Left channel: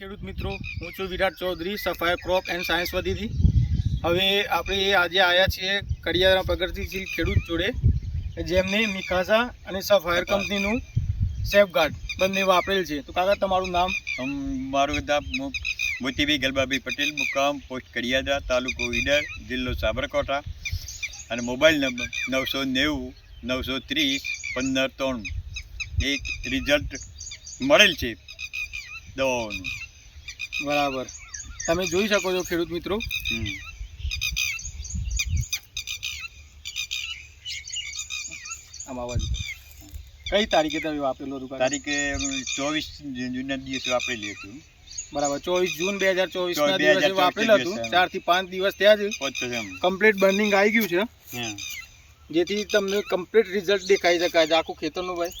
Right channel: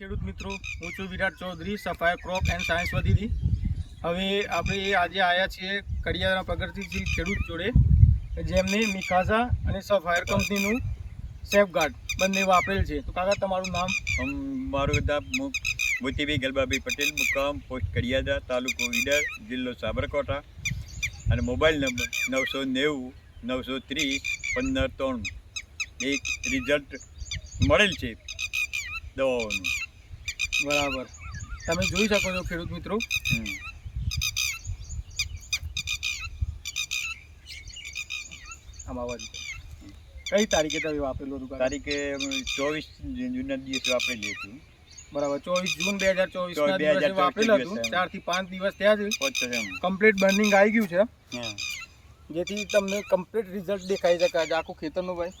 ખેડૂત મિત્રો, હું છું Virat Chaudhary, sapphire crop and science વધીથી. હવે આપણે આજે આવ્યા છીએ કડિયાદરા પ્રગતિશીલ ખેડૂત જોડે, જેમને મિકાઝા અને સફાયર કંપનીનું સેફગાર્ડ બંને વાપરેલ છે. તો કાકા, તમારું નામ? મારું નામ મોતીભાઈ ગલબાભાઈ પટેલ, મુકામ પોસ્ટ કડિયાદરા, તાલુકો ઈડર, જિલ્લો સાબરકાંઠા, અને મોબાઈલ નંબર 990-930-1593. એક રિઝલ્ટ મળેલ છે દવાઓનું. બરાબર, તમે જોઈ શકો છો ખેડૂત મિત્રો. આમાં કઈ તારીખે તમે વાપરેલું હતું? તારીખે 24 જૂનના દિવસે વાપરેલી હતી. બરાબર, 24 જૂન 2024 ના દિવસે વાપરેલું હતું. 4 થી 5 દિવસ થયા છે. કમ્પ્લીટ બર્નિંગ આવી ગયું છે, જેથી તમને કમ્પ્લીટ રિઝલ્ટ દેખાઈ શકાય છે આખું ખેતરનું. ભાઈ